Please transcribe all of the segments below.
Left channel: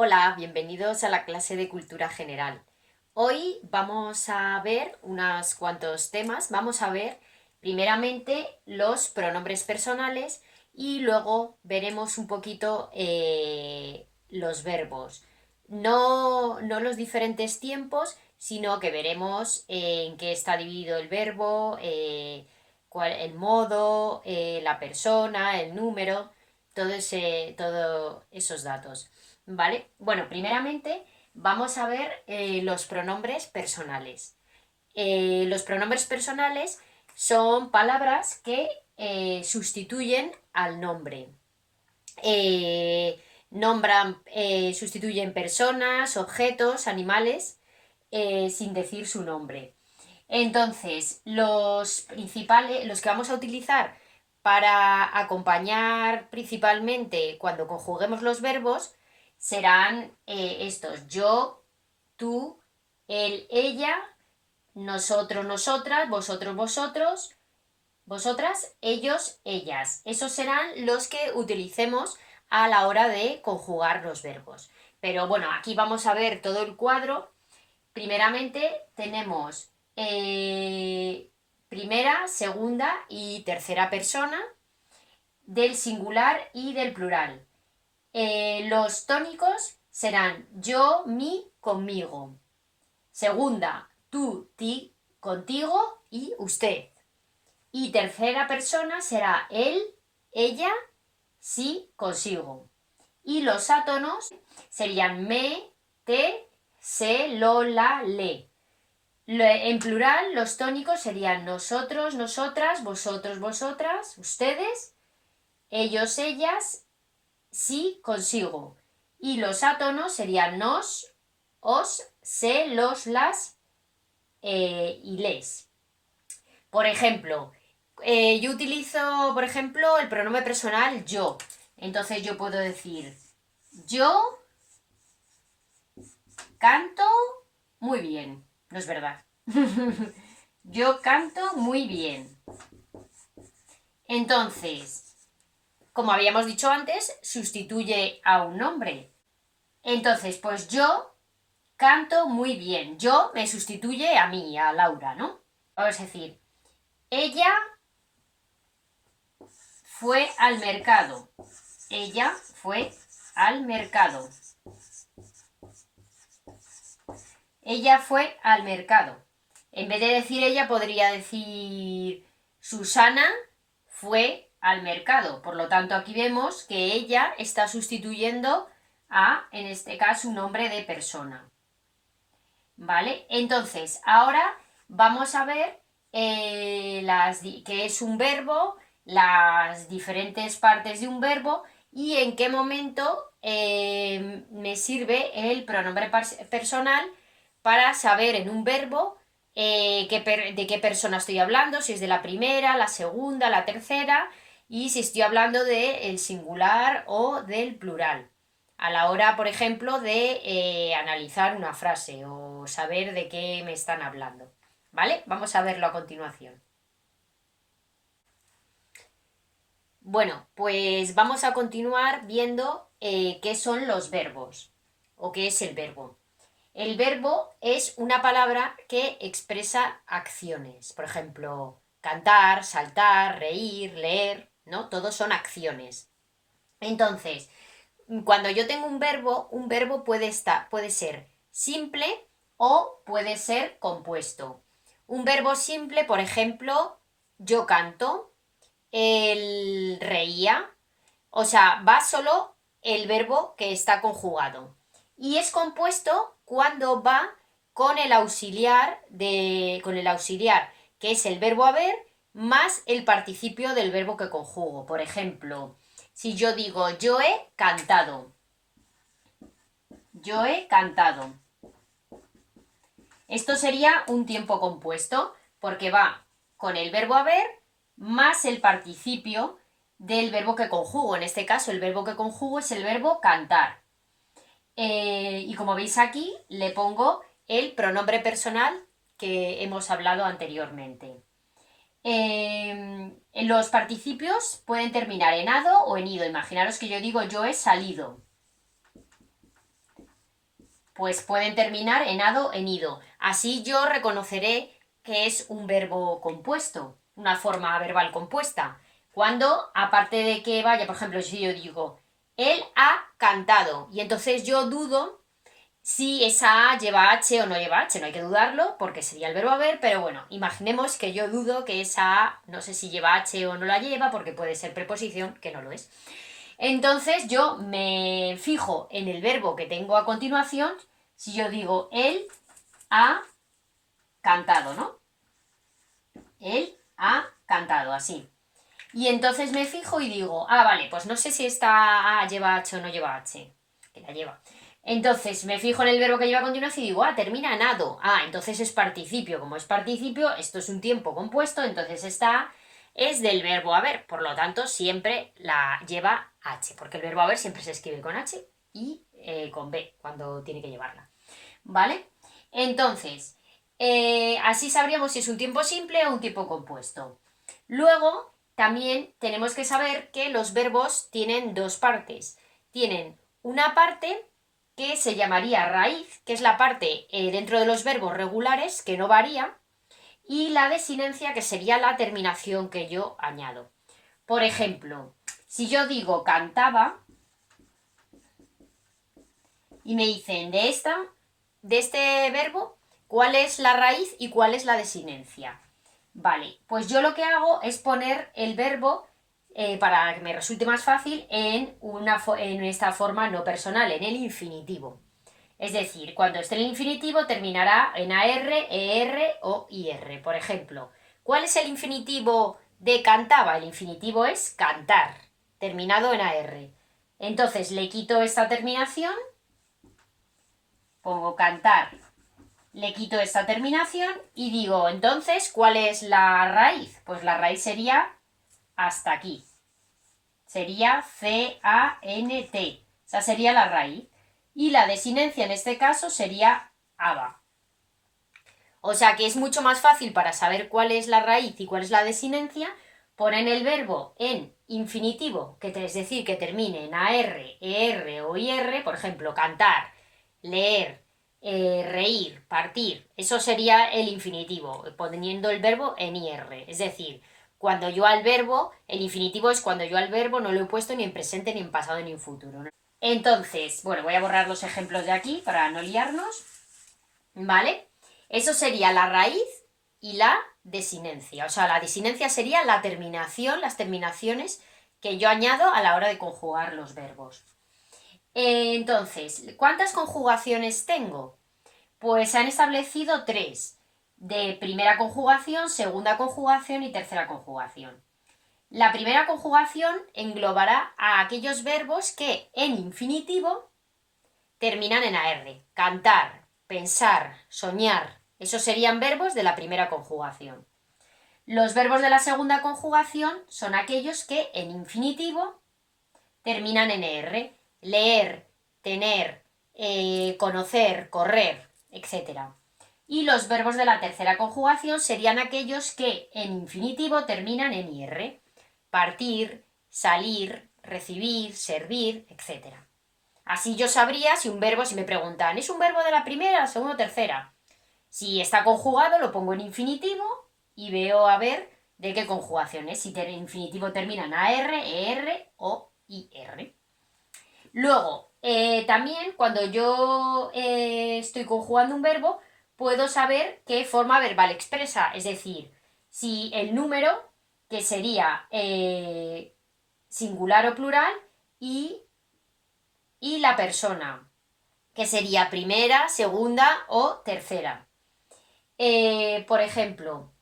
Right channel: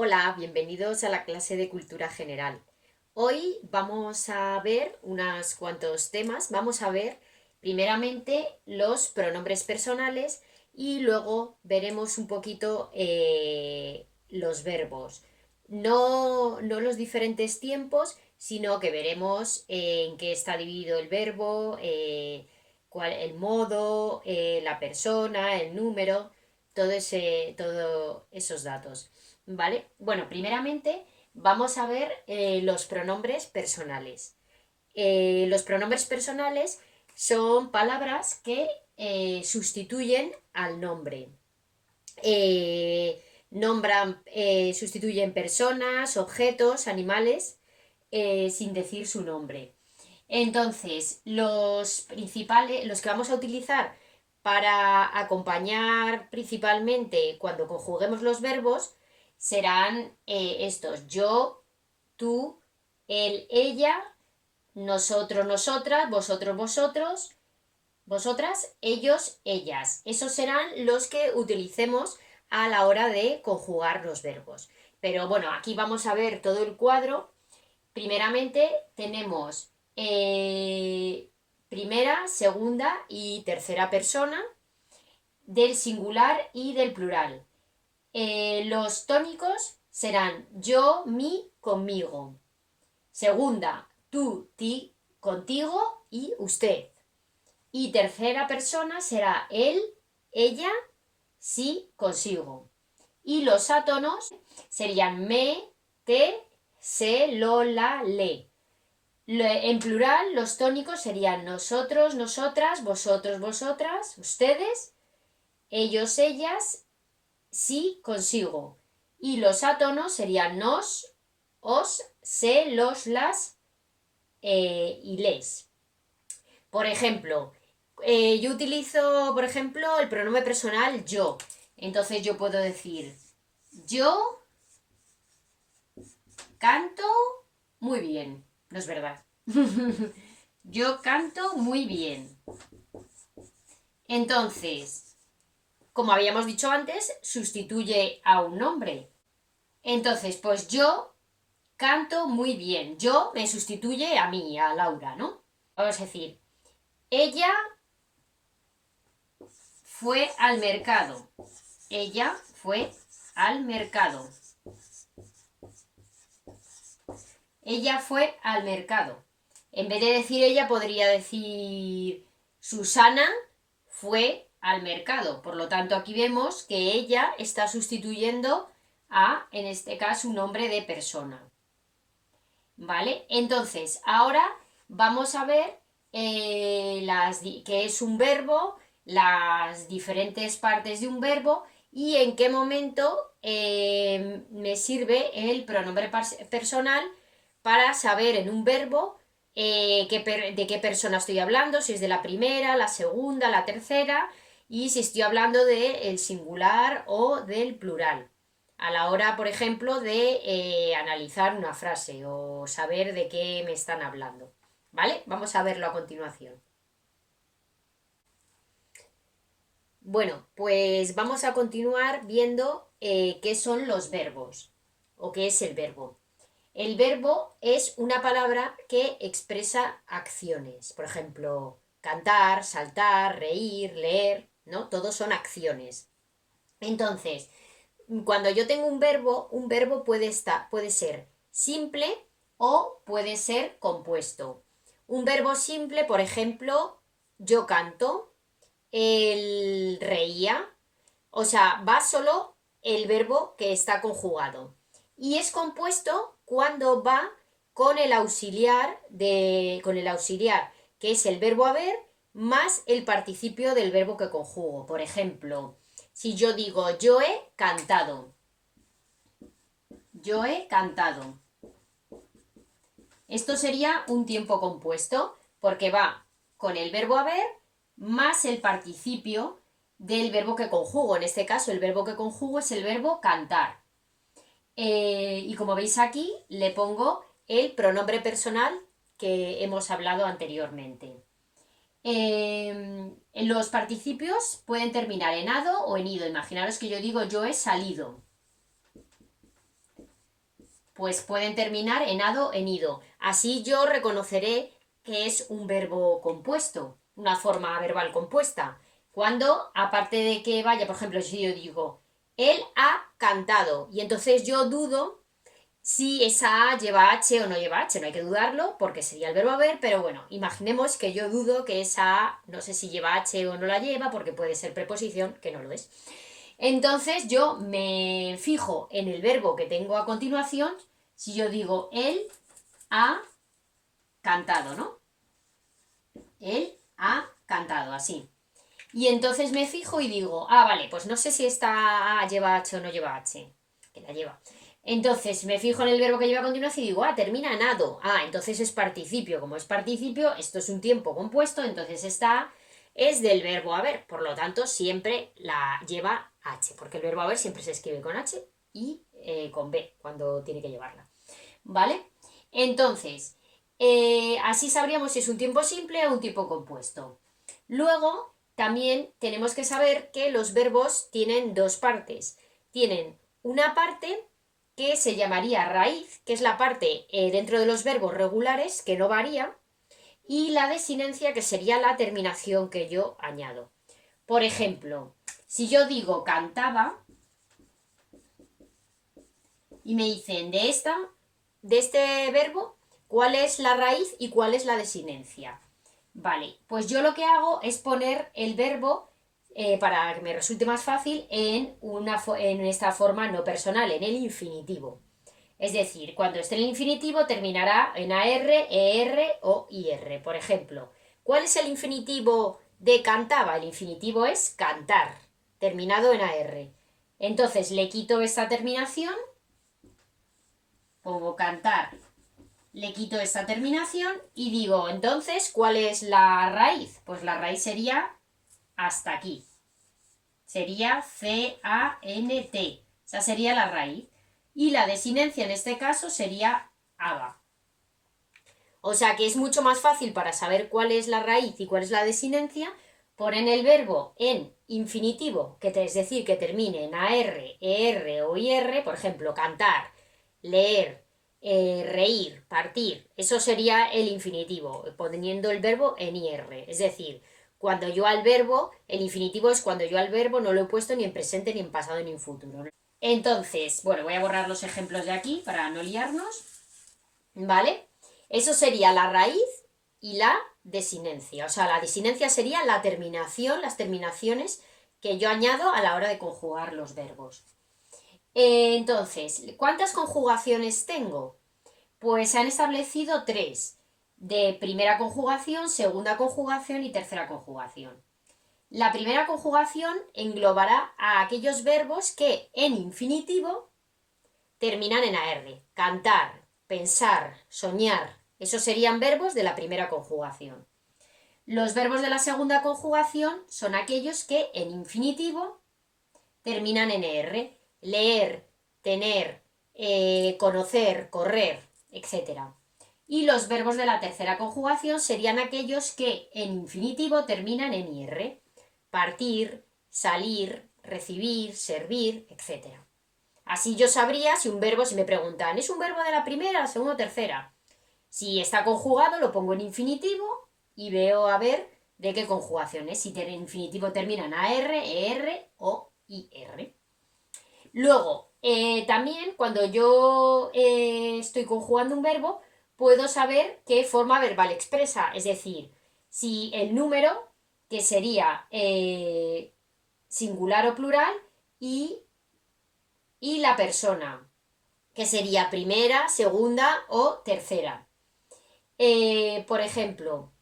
Hola, bienvenidos a la clase de Cultura General. Hoy vamos a ver unos cuantos temas. Vamos a ver primeramente los pronombres personales y luego veremos un poquito los verbos. No los diferentes tiempos, sino que veremos en qué está dividido el verbo, el modo, la persona, el número, todos esos datos. ¿Vale? Bueno, primeramente vamos a ver los pronombres personales. Los pronombres personales son palabras que sustituyen al nombre. Sustituyen personas, objetos, animales, sin decir su nombre. Entonces, los que vamos a utilizar para acompañar principalmente cuando conjuguemos los verbos serán estos: yo, tú, él, ella, nosotros, nosotras, vosotros, vosotros, vosotras, ellos, ellas. Esos serán los que utilicemos a la hora de conjugar los verbos. Pero bueno, aquí vamos a ver todo el cuadro. Primeramente tenemos primera, segunda y tercera persona del singular y del plural. Los tónicos serán yo, mi, conmigo. Segunda, tú, ti, contigo y usted. Y tercera persona será él, ella, sí, consigo. Y los átonos serían me, te, se, lo, la, le. En plural, los tónicos serían nosotros, nosotras, vosotros, vosotras, ustedes, ellos, ellas, sí, consigo. Y los átonos serían nos, os, se, los, las y les. Por ejemplo, yo utilizo, por ejemplo, el pronombre personal yo. Entonces yo puedo decir yo canto muy bien. No es verdad. Yo canto muy bien. Entonces, como habíamos dicho antes, sustituye a un nombre. Entonces, pues yo canto muy bien. Yo me sustituye a mí, a Laura, ¿no? Vamos a decir, ella fue al mercado. Ella fue al mercado. Ella fue al mercado. En vez de decir ella, podría decir Susana fue al mercado. Por lo tanto, aquí vemos que ella está sustituyendo a, en este caso, un nombre de persona. ¿Vale? Entonces, ahora vamos a ver qué es un verbo, las diferentes partes de un verbo y en qué momento me sirve el pronombre personal para saber en un verbo de qué persona estoy hablando, si es de la primera, la segunda, la tercera y si estoy hablando del singular o del plural a la hora, por ejemplo, de analizar una frase o saber de qué me están hablando. ¿Vale? Vamos a verlo a continuación. Bueno, pues vamos a continuar viendo qué son los verbos o qué es el verbo. El verbo es una palabra que expresa acciones. Por ejemplo, cantar, saltar, reír, leer, ¿no? Todos son acciones. Entonces, cuando yo tengo un verbo puede ser simple o puede ser compuesto. Un verbo simple, por ejemplo, yo canto, él reía, o sea, va solo el verbo que está conjugado. Y es compuesto cuando va con el auxiliar, que es el verbo haber, más el participio del verbo que conjugo. Por ejemplo, si yo digo yo he cantado, yo he cantado. Esto sería un tiempo compuesto porque va con el verbo haber más el participio del verbo que conjugo. En este caso, el verbo que conjugo es el verbo cantar. Y como veis aquí, le pongo el pronombre personal que hemos hablado anteriormente. Los participios pueden terminar en ado o en ido. Imaginaros que yo digo yo he salido. pues pueden terminar en ado, en ido. Así yo reconoceré que es un verbo compuesto, una forma verbal compuesta. Cuando, aparte de que vaya, por ejemplo, si yo digo, él ha cantado, y entonces yo dudo si esa A lleva H o no lleva H, no hay que dudarlo porque sería el verbo haber, pero bueno, imaginemos que yo dudo que esa A, no sé si lleva H o no la lleva porque puede ser preposición, que no lo es. Entonces yo me fijo en el verbo que tengo a continuación, si yo digo él ha cantado, ¿no? Él ha cantado, así. Y entonces me fijo y digo, vale, pues no sé si esta A lleva H o no lleva H, que la lleva. Entonces me fijo en el verbo que lleva a continuación y digo, termina en ado. Entonces es participio. Como es participio, esto es un tiempo compuesto, entonces esta A es del verbo haber. Por lo tanto, siempre la lleva H, porque el verbo haber siempre se escribe con H y con B cuando tiene que llevarla. ¿Vale? Entonces, así sabríamos si es un tiempo simple o un tiempo compuesto. Luego, también tenemos que saber que los verbos tienen dos partes. Tienen una parte que se llamaría raíz, que es la parte dentro de los verbos regulares, que no varía, y la desinencia, que sería la terminación que yo añado. Por ejemplo, si yo digo cantaba y me dicen de este verbo, ¿cuál es la raíz y cuál es la desinencia? Vale, pues yo lo que hago es poner el verbo, para que me resulte más fácil, en esta forma no personal, en el infinitivo. Es decir, cuando esté en el infinitivo terminará en AR, ER o IR. Por ejemplo, ¿cuál es el infinitivo de cantaba? El infinitivo es cantar, terminado en AR. Entonces le quito esta terminación, pongo cantar, le quito esta terminación y digo, entonces, ¿cuál es la raíz? Pues la raíz sería hasta aquí. Sería C-A-N-T. Esa sería la raíz. Y la desinencia en este caso sería aba. O sea que es mucho más fácil para saber cuál es la raíz y cuál es la desinencia, poner el verbo en infinitivo, es decir, que termine en AR, ER o IR, por ejemplo, cantar, leer, reír, partir. Eso sería el infinitivo, poniendo el verbo en IR. Es decir, cuando yo al verbo, el infinitivo es cuando yo al verbo no lo he puesto ni en presente, ni en pasado, ni en futuro. Entonces, bueno, voy a borrar los ejemplos de aquí para no liarnos, ¿vale? Eso sería la raíz y la desinencia. O sea, la desinencia sería la terminación, las terminaciones que yo añado a la hora de conjugar los verbos. Entonces, ¿cuántas conjugaciones tengo? Pues se han establecido 3, de primera conjugación, segunda conjugación y tercera conjugación. La primera conjugación englobará a aquellos verbos que en infinitivo terminan en AR. Cantar, pensar, soñar. Esos serían verbos de la primera conjugación. Los verbos de la segunda conjugación son aquellos que en infinitivo terminan en ER. Leer, tener, conocer, correr, etc. Y los verbos de la tercera conjugación serían aquellos que en infinitivo terminan en IR. Partir, salir, recibir, servir, etc. Así yo sabría si un verbo, si me preguntan, ¿es un verbo de la primera, la segunda o tercera? Si está conjugado, lo pongo en infinitivo y veo a ver de qué conjugación es. Si el infinitivo termina en AR, ER o IR. Luego, también cuando yo estoy conjugando un verbo, puedo saber qué forma verbal expresa. Es decir, si el número, que sería singular o plural, y la persona, que sería primera, segunda o tercera. Por ejemplo,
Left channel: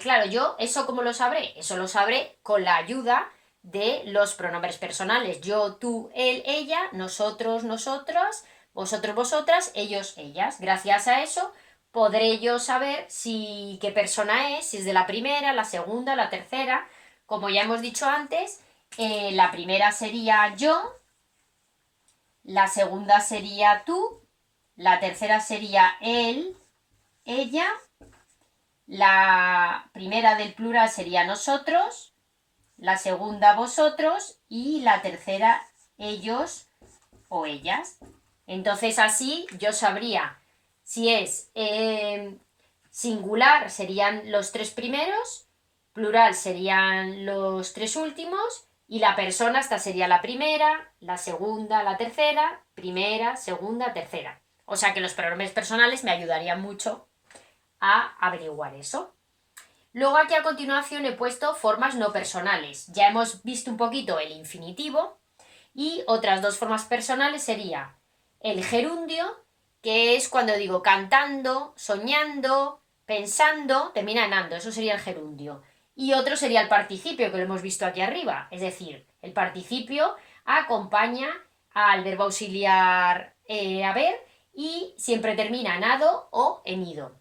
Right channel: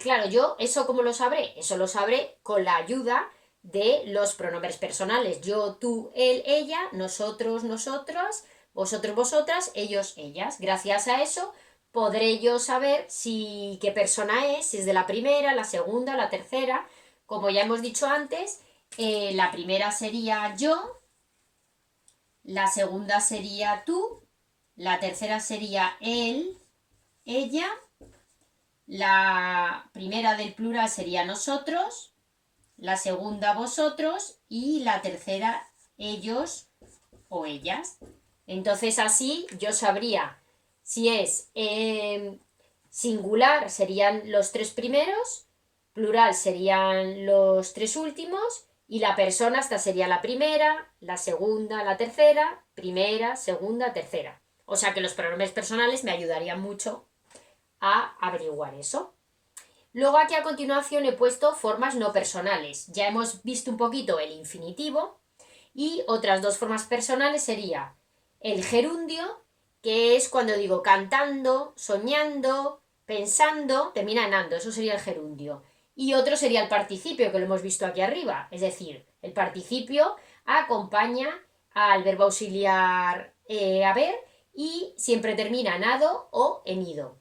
claro, yo eso ¿cómo lo sabré? Eso lo sabré con la ayuda de los pronombres personales. Yo, tú, él, ella, nosotros, nosotras, vosotros, vosotras, ellos, ellas. Gracias a eso podré yo saber qué persona es, si es de la primera, la segunda, la tercera. Como ya hemos dicho antes, la primera sería yo, la segunda sería tú, la tercera sería él, ella, la primera del plural sería nosotros, la segunda vosotros y la tercera ellos o ellas. Entonces así yo sabría si es singular serían los 3 primeros, plural serían los 3 últimos y la persona esta sería la primera, la segunda, la tercera, primera, segunda, tercera. O sea que los pronombres personales me ayudarían mucho a averiguar eso. Luego aquí a continuación he puesto formas no personales. Ya hemos visto un poquito el infinitivo y otras dos formas personales sería el gerundio, que es cuando digo cantando, soñando, pensando, termina en ando, eso sería el gerundio. Y otro sería el participio, que lo hemos visto aquí arriba, es decir, el participio acompaña al verbo auxiliar haber y siempre termina en ado o en ido.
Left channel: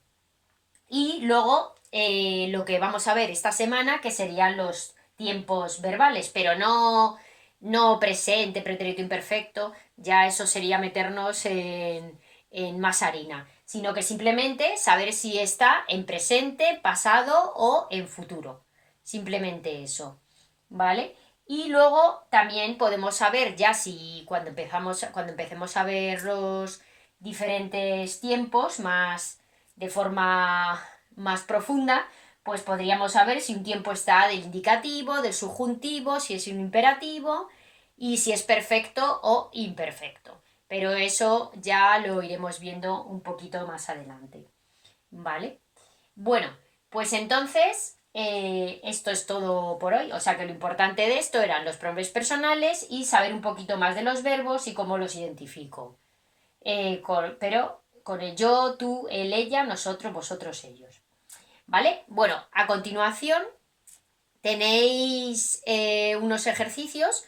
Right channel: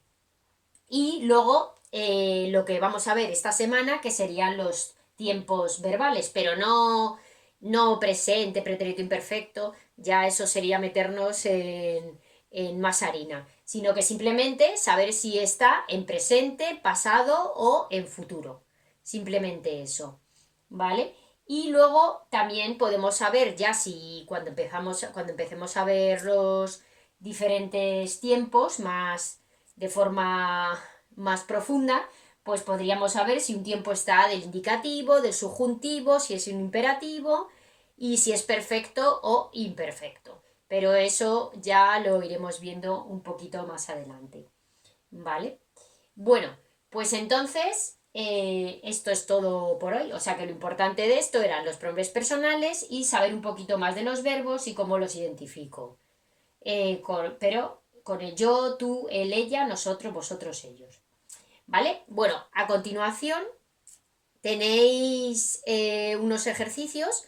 Y luego lo que vamos a ver esta semana, que serían los tiempos verbales, pero no presente, pretérito imperfecto, ya eso sería meternos en más harina, sino que simplemente saber si está en presente, pasado o en futuro. Simplemente eso, ¿vale? Y luego también podemos saber ya si cuando empecemos a ver los diferentes tiempos más de forma más profunda, pues podríamos saber si un tiempo está del indicativo, del subjuntivo, si es un imperativo y si es perfecto o imperfecto. Pero eso ya lo iremos viendo un poquito más adelante. ¿Vale? Bueno, pues entonces esto es todo por hoy. O sea que lo importante de esto eran los pronombres personales y saber un poquito más de los verbos y cómo los identifico. Pero con el yo, tú, él, ella, nosotros, vosotros, ellos. ¿Vale? Bueno, a continuación tenéis unos ejercicios.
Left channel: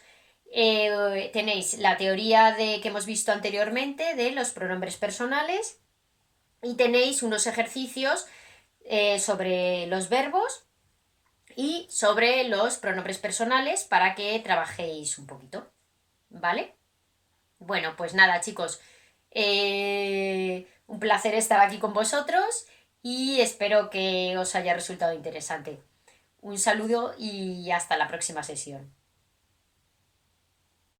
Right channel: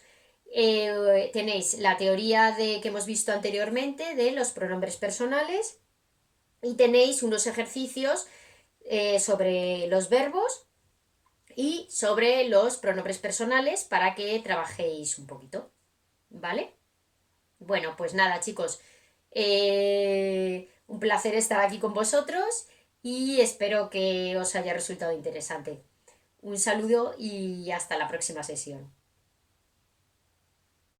Tenéis la teoría que hemos visto anteriormente de los pronombres personales y tenéis unos ejercicios sobre los verbos y sobre los pronombres personales para que trabajéis un poquito. ¿Vale? Bueno, pues nada, chicos. Un placer estar aquí con vosotros y espero que os haya resultado interesante. Un saludo y hasta la próxima sesión.